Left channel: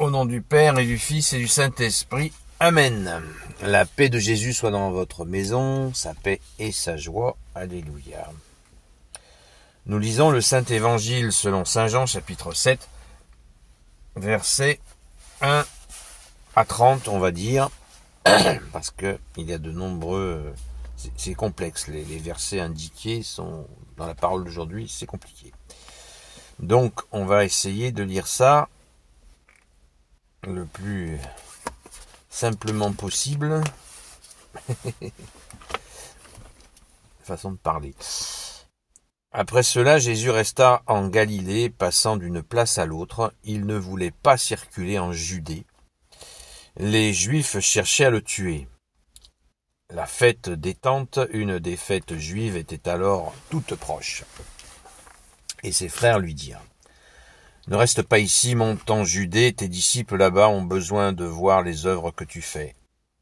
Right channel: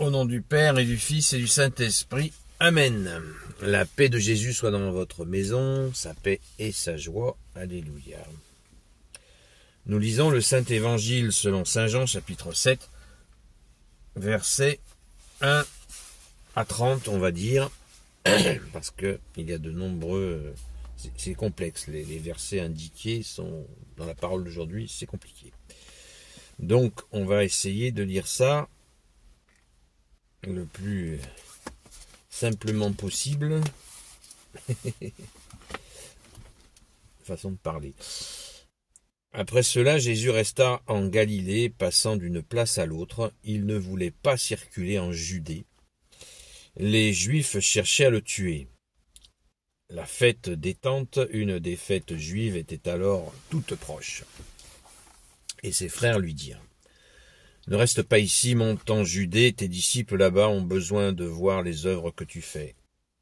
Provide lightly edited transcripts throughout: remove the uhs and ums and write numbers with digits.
Au nom du Père et du Fils et du Saint-Esprit. Amen. La paix de Jésus soit dans votre maison, sa paix et sa joie. Alléluia. Nous lisons le Saint-Évangile selon Saint Jean, chapitre 7, versets 1 à 30, on va dire, parce qu'il y a de nombreux... C'est complexe, les versets indiqués sont dans la parole d'aujourd'hui, c'est compliqué. Donc, on va essayer de lire ça le plus simplement possible. Façon de parler. Après cela, Jésus resta en Galilée, passant d'une place à l'autre. Il ne voulait pas circuler en Judée. Les Juifs cherchaient à le tuer. La fête des Tentes, une des fêtes juives, était alors toute proche. Et ses frères lui dirent: ne reste pas ici, monte en Judée, tes disciples là-bas ont besoin de voir les œuvres que tu fais.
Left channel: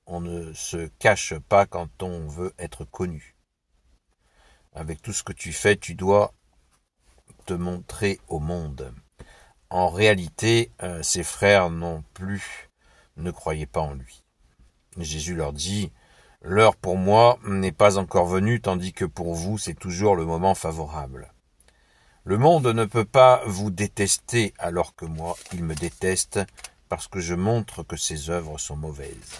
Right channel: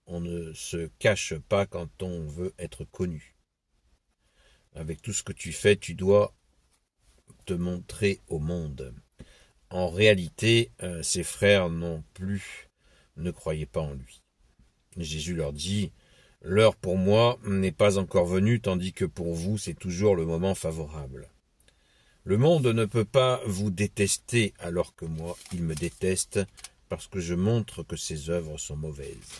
On ne se cache pas quand on veut être connu. Avec tout ce que tu fais, tu dois te montrer au monde. En réalité, ses frères non plus ne croyaient pas en lui. Jésus leur dit: l'heure pour moi n'est pas encore venue, tandis que pour vous c'est toujours le moment favorable. Le monde ne peut pas vous détester alors que moi, il me déteste parce que je montre que ses œuvres sont mauvaises.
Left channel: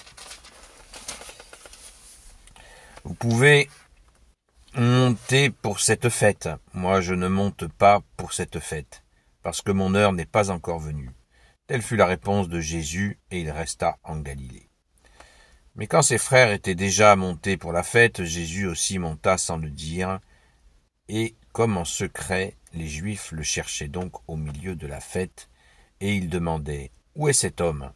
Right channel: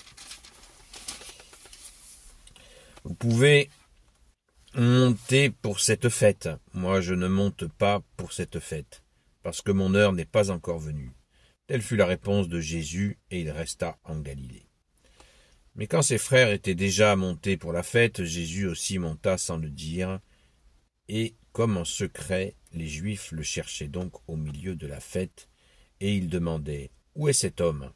Vous pouvez monter pour cette fête. Moi, je ne monte pas pour cette fête parce que mon heure n'est pas encore venue. Telle fut la réponse de Jésus et il resta en Galilée. Mais quand ses frères étaient déjà montés pour la fête, Jésus aussi monta sans le dire, et comme en secret, les Juifs le cherchaient donc au milieu de la fête, et ils demandaient: où est cet homme?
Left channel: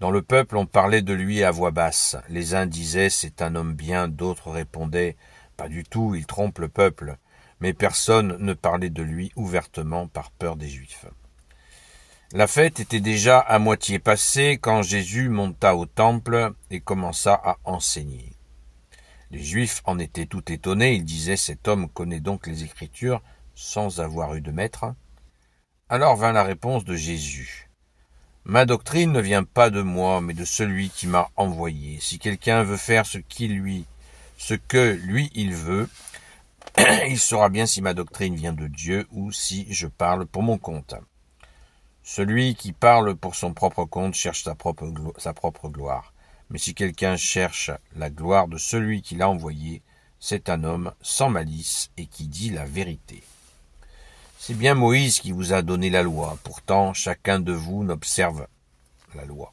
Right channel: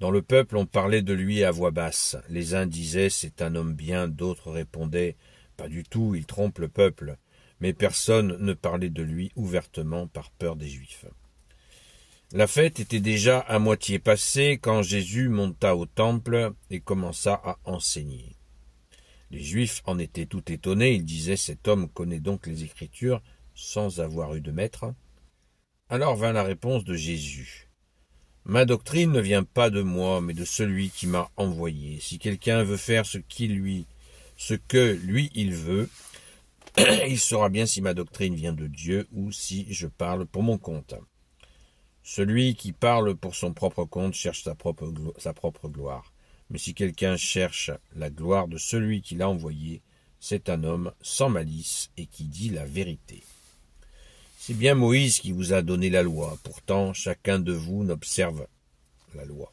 Dans le peuple, on parlait de lui à voix basse. Les uns disaient: c'est un homme bien, d'autres répondaient: pas du tout, il trompe le peuple. Mais personne ne parlait de lui ouvertement par peur des Juifs. La fête était déjà à moitié passée quand Jésus monta au temple et commença à enseigner. Les Juifs en étaient tout étonnés, ils disaient: cet homme connaît donc les Écritures sans avoir eu de maître. Alors vint la réponse de Jésus: ma doctrine ne vient pas de moi, mais de celui qui m'a envoyé. Si quelqu'un veut faire ce que lui il veut, il saura bien si ma doctrine vient de Dieu ou si je parle pour mon compte. Celui qui parle pour son propre compte cherche sa propre gloire. Mais si quelqu'un cherche la gloire de celui qui l'a envoyé, c'est un homme sans malice et qui dit la vérité. C'est bien Moïse qui vous a donné la loi. Pourtant, chacun de vous n'observe la loi.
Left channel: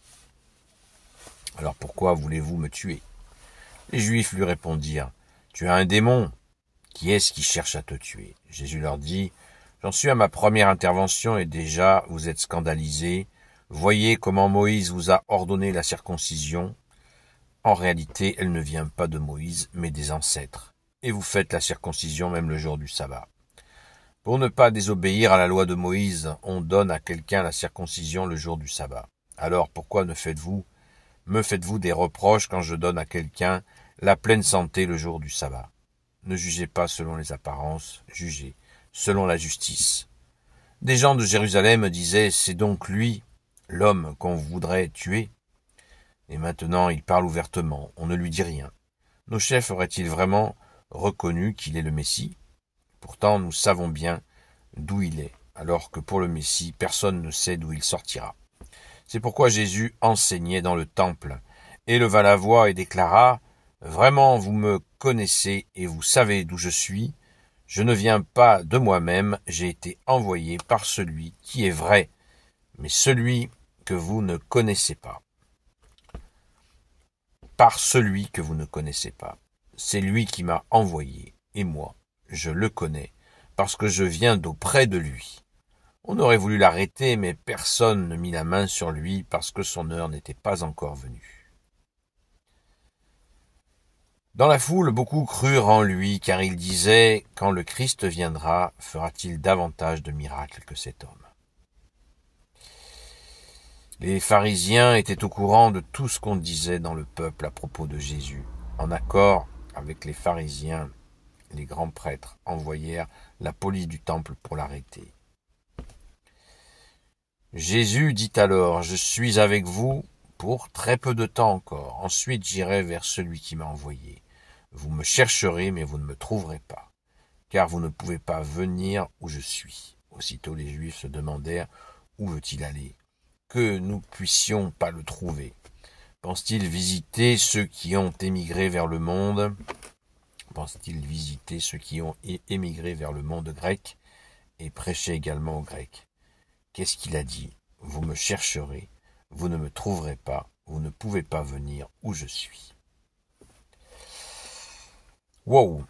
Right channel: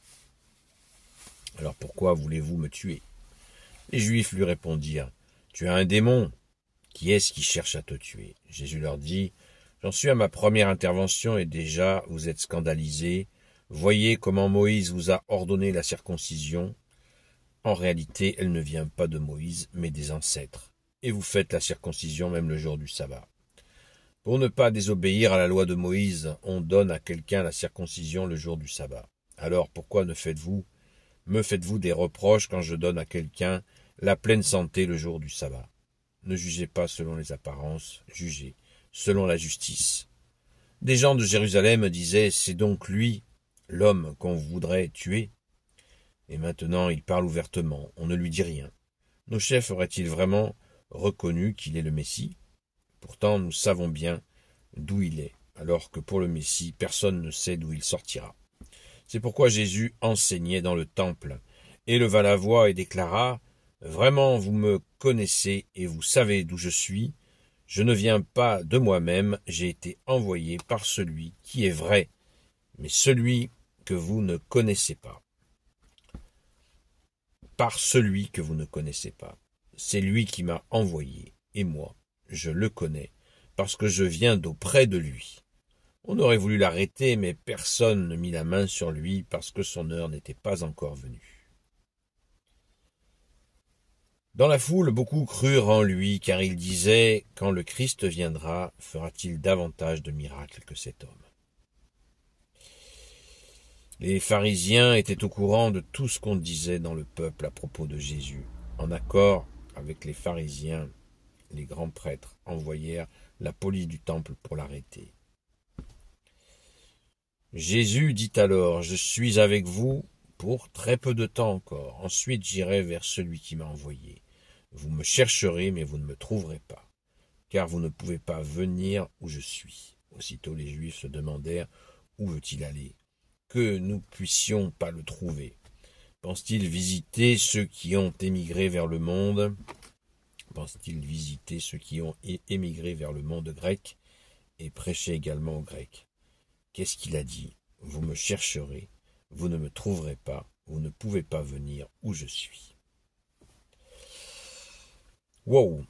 Alors pourquoi voulez-vous me tuer? Les Juifs lui répondirent: tu as un démon. Qui est-ce qui cherche à te tuer? Jésus leur dit: j'en suis à ma première intervention et déjà vous êtes scandalisés. Voyez comment Moïse vous a ordonné la circoncision. En réalité, elle ne vient pas de Moïse, mais des ancêtres. Et vous faites la circoncision même le jour du sabbat. Pour ne pas désobéir à la loi de Moïse, on donne à quelqu'un la circoncision le jour du sabbat. Alors pourquoi me faites-vous des reproches quand je donne à quelqu'un la pleine santé le jour du sabbat? Ne jugez pas selon les apparences, jugez selon la justice. Des gens de Jérusalem disaient: c'est donc lui, l'homme qu'on voudrait tuer. Et maintenant il parle ouvertement, on ne lui dit rien. Nos chefs auraient-ils vraiment reconnu qu'il est le Messie? Pourtant nous savons bien d'où il est, alors que pour le Messie, personne ne sait d'où il sortira. C'est pourquoi Jésus enseignait dans le temple, éleva la voix et déclara: vraiment vous me connaissez et vous savez d'où je suis. Je ne viens pas de moi-même, j'ai été envoyé par celui qui est vrai, mais celui que vous ne connaissez pas. Par celui que vous ne connaissez pas. C'est lui qui m'a envoyé, et moi, je le connais, parce que je viens d'auprès de lui. On aurait voulu l'arrêter, mais personne ne mit la main sur lui, parce que son heure n'était pas encore venue. Dans la foule, beaucoup crurent en lui, car il disait: quand le Christ viendra, fera-t-il davantage de miracles que cet homme? Les pharisiens étaient au courant de tout ce qu'on disait dans le peuple à propos de Jésus. En accord avec les pharisiens, les grands prêtres envoyèrent la police du temple pour l'arrêter. Jésus dit alors, je suis avec vous pour très peu de temps encore. Ensuite, j'irai vers celui qui m'a envoyé. Vous me chercherez, mais vous ne me trouverez pas, car vous ne pouvez pas venir où je suis. Aussitôt les Juifs se demandèrent, où veut-il aller? Que nous puissions pas le trouver. Pense-t-il visiter ceux qui ont émigré vers le monde? Pense-t-il visiter ceux qui ont émigré vers le monde grec et prêcher également aux Grecs? Qu'est-ce qu'il a dit? Vous me chercherez, vous ne me trouverez pas, vous ne pouvez pas venir où je suis. Wow!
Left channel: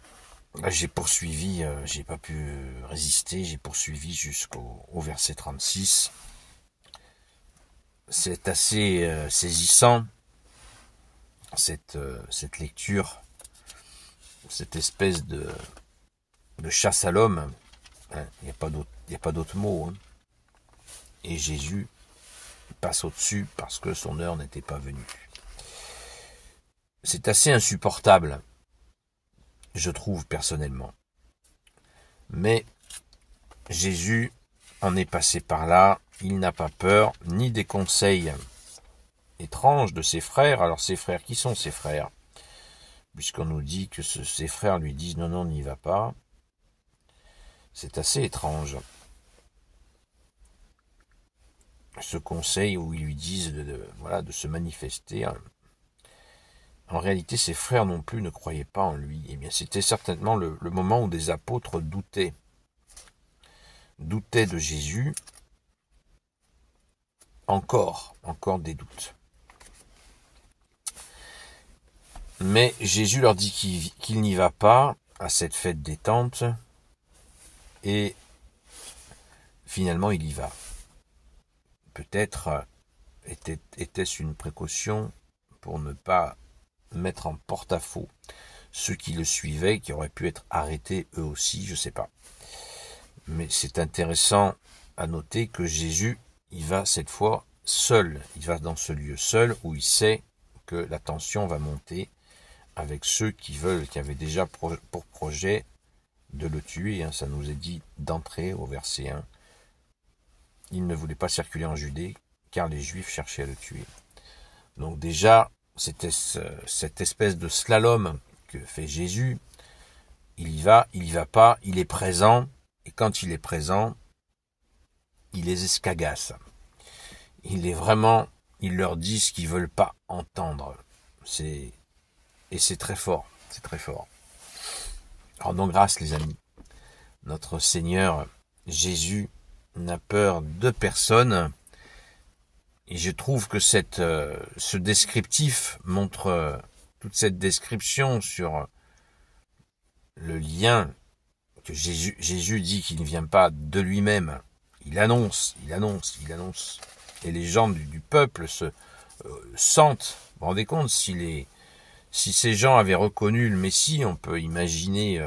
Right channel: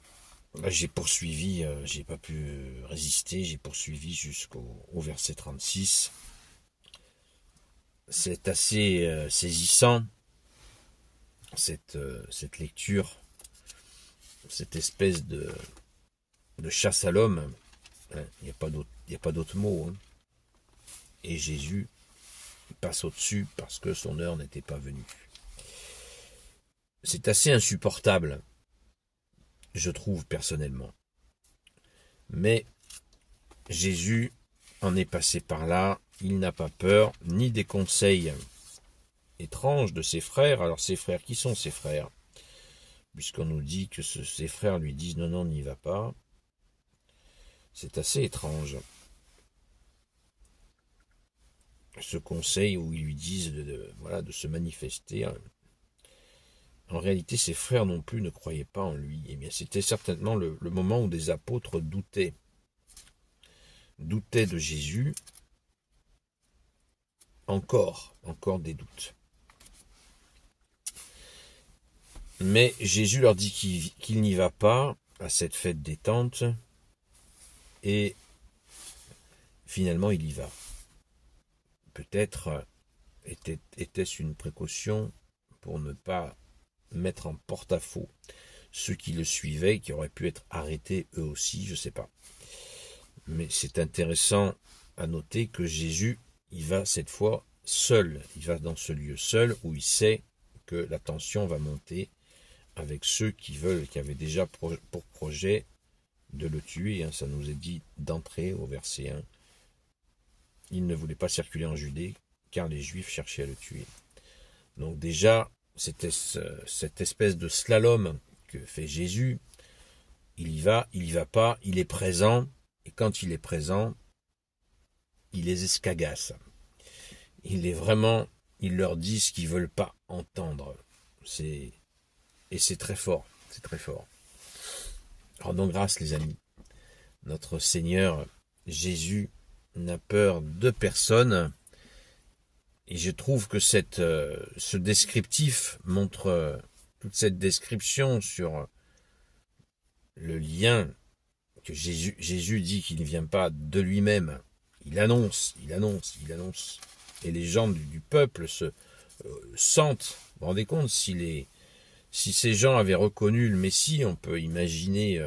J'ai poursuivi, j'ai pas pu résister, j'ai poursuivi jusqu'au verset 36. C'est assez saisissant, cette lecture, cette espèce de chasse à l'homme. Hein, il n'y a pas d'autre mot. Hein. Et Jésus passe au-dessus parce que son heure n'était pas venue. C'est assez insupportable, je trouve personnellement. Mais Jésus en est passé par là, il n'a pas peur, ni des conseils étranges de ses frères. Alors ses frères, qui sont ses frères? Puisqu'on nous dit que ses frères lui disent non, n'y va pas. C'est assez étrange. Ce conseil où ils lui disent de se manifester. En réalité, ses frères non plus ne croyaient pas en lui. Eh bien, c'était certainement le moment où des apôtres doutaient de Jésus. Encore des doutes. Mais Jésus leur dit qu'il n'y va pas à cette fête des tentes, et finalement il y va. Peut-être était-ce une précaution pour ne pas mettre en porte-à-faux ceux qui le suivaient, qui auraient pu être arrêtés eux aussi, je ne sais pas. Mais c'est intéressant à noter que Jésus, il va cette fois seul. Il va dans ce lieu seul où il sait que la tension va monter avec ceux qui avaient déjà pour projet de le tuer. Ça nous est dit d'entrée au verset 1. Il ne voulait pas circuler en Judée car les Juifs cherchaient à le tuer. Donc déjà, c'était cette espèce de slalom que fait Jésus. Il y va pas, il est présent. Et quand il est présent, il les escagasse. Il leur dit ce qu'ils ne veulent pas entendre. Et c'est très fort, c'est très fort. Rendons grâce, les amis. Notre Seigneur Jésus n'a peur de personne. Et je trouve que ce descriptif montre toute cette description sur le lien que Jésus dit qu'il ne vient pas de lui-même. Il annonce. Et les gens du peuple se sentent. Vous vous rendez compte, si ces gens avaient reconnu le Messie, on peut imaginer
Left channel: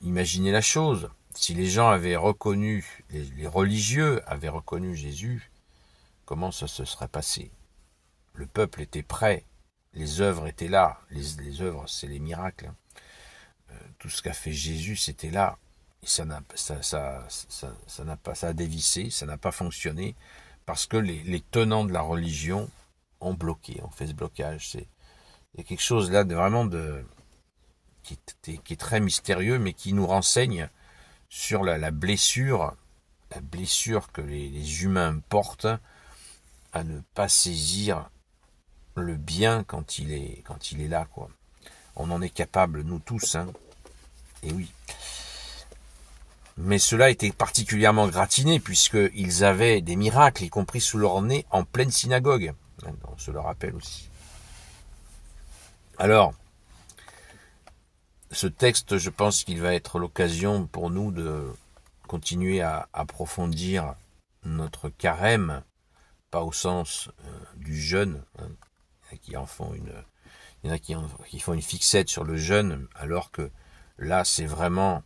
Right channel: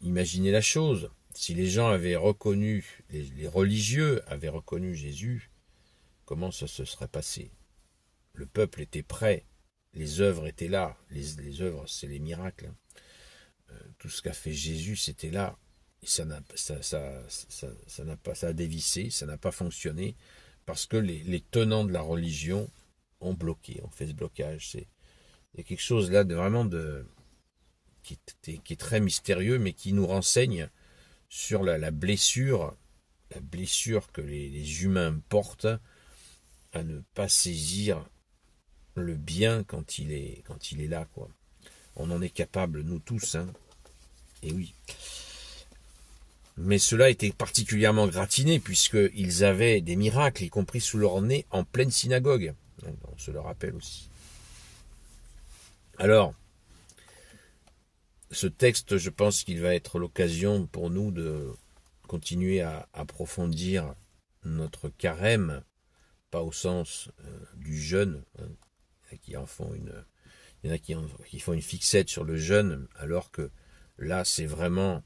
la chose. Si les gens avaient reconnu, les religieux avaient reconnu Jésus, comment ça se serait passé? Le peuple était prêt, les œuvres étaient là. Les œuvres, c'est les miracles. Tout ce qu'a fait Jésus, c'était là. Et ça a dévissé, ça n'a pas fonctionné, parce que les tenants de la religion ont fait ce blocage. Il y a quelque chose là qui est très mystérieux, mais qui nous renseigne sur la blessure que les humains portent à ne pas saisir le bien quand il est là, quoi. On en est capable, nous tous, hein. Et oui. Mais cela était particulièrement gratiné, puisqu'ils avaient des miracles, y compris sous leur nez, en pleine synagogue. On se le rappelle aussi. Alors, ce texte, je pense qu'il va être l'occasion pour nous de continuer à approfondir notre carême, pas au sens du jeûne, hein. Il y en a qui font une fixette sur le jeûne, alors que là, c'est vraiment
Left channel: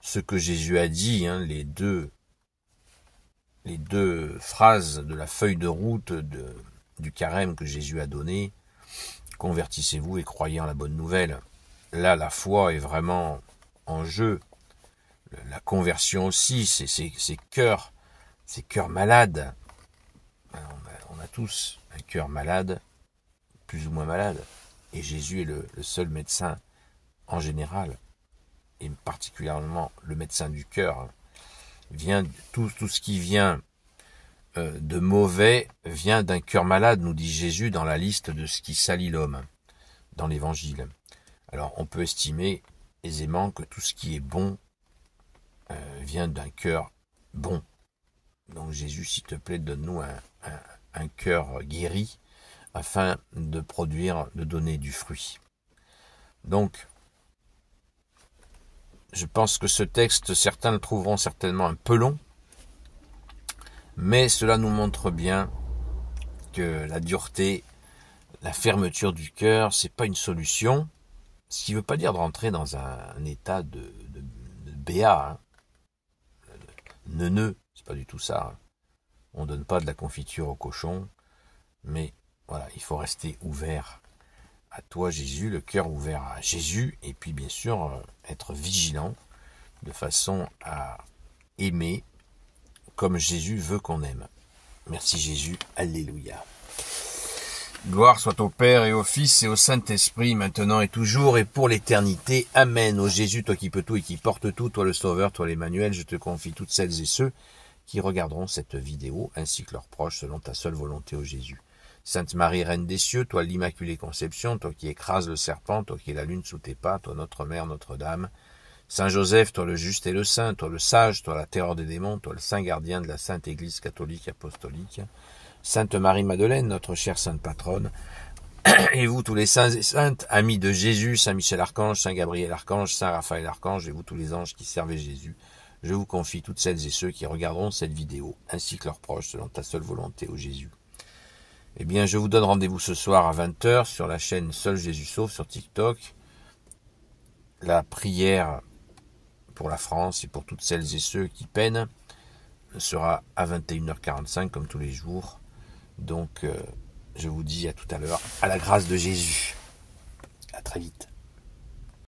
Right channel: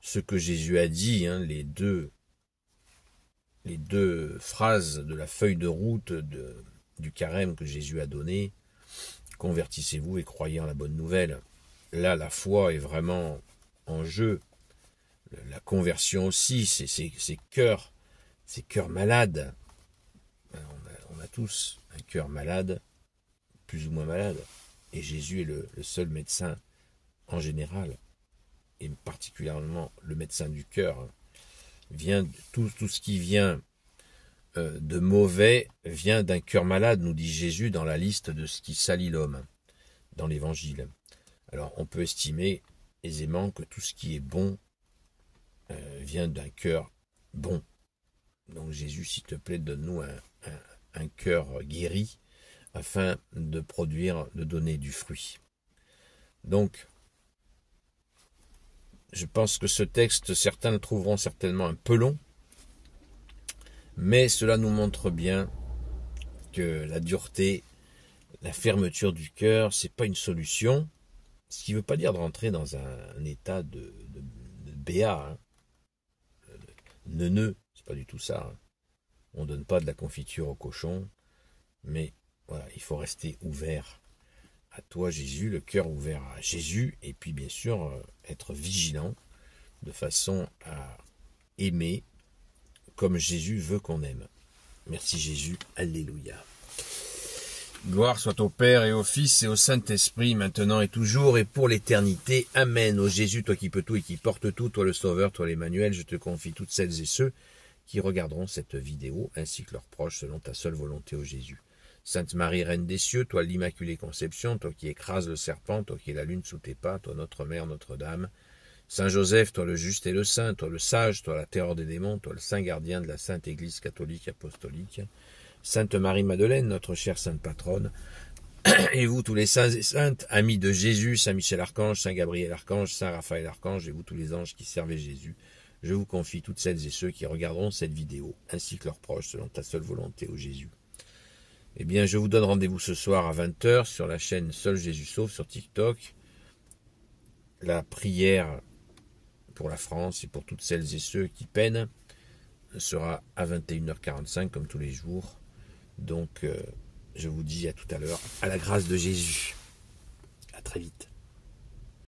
ce que Jésus a dit, hein, les deux phrases de la feuille de route du carême que Jésus a donné. Convertissez-vous et croyez en la bonne nouvelle. Là, la foi est vraiment en jeu. La conversion aussi, c'est cœur, ces cœurs malades. Alors, on a tous un cœur malade, plus ou moins malade. Et Jésus est le seul médecin en général, et particulièrement le médecin du cœur. Tout ce qui vient de mauvais vient d'un cœur malade, nous dit Jésus dans la liste de ce qui salit l'homme, dans l'Évangile. Alors on peut estimer aisément que tout ce qui est bon vient d'un cœur bon. Donc Jésus, s'il te plaît, donne-nous un cœur guéri, afin de donner du fruit. Donc, je pense que ce texte, certains le trouveront certainement un peu long, mais cela nous montre bien que la dureté, la fermeture du cœur, c'est pas une solution, ce qui ne veut pas dire de rentrer dans un état de béat, neuneux, c'est pas du tout ça. On donne pas de la confiture au cochon, mais voilà, il faut rester ouvert à toi Jésus, le cœur ouvert à Jésus, et puis bien sûr être vigilant de façon à aimer comme Jésus veut qu'on aime. Merci Jésus, alléluia. Gloire soit au Père et au Fils et au Saint-Esprit, maintenant et toujours et pour l'éternité. Amen. Ô Jésus, toi qui peux tout et qui porte tout, toi le Sauveur, toi l'Emmanuel, je te confie toutes celles et ceux qui regarderont cette vidéo, ainsi que leurs proches, selon ta seule volonté, ô Jésus. Sainte Marie, Reine des cieux, toi l'Immaculée Conception, toi qui écrases le serpent, toi qui es la lune sous tes pas, toi notre Mère, Notre-Dame. Saint Joseph, toi le juste et le saint, toi le sage, toi la terreur des démons, toi le saint gardien de la Sainte Église catholique apostolique. Sainte Marie-Madeleine, notre chère sainte patronne. Et vous tous les saints et saintes, amis de Jésus, Saint Michel Archange, Saint Gabriel Archange, Saint Raphaël Archange, et vous tous les anges qui servaient Jésus, je vous confie toutes celles et ceux qui regarderont cette vidéo, ainsi que leurs proches, selon ta seule volonté, ô Jésus. Eh bien, je vous donne rendez-vous ce soir à 20h sur la chaîne Seul Jésus Sauve sur TikTok. La prière pour la France et pour toutes celles et ceux qui peinent sera à 21h45 comme tous les jours. Donc, je vous dis à tout à l'heure, à la grâce de Jésus. À très vite.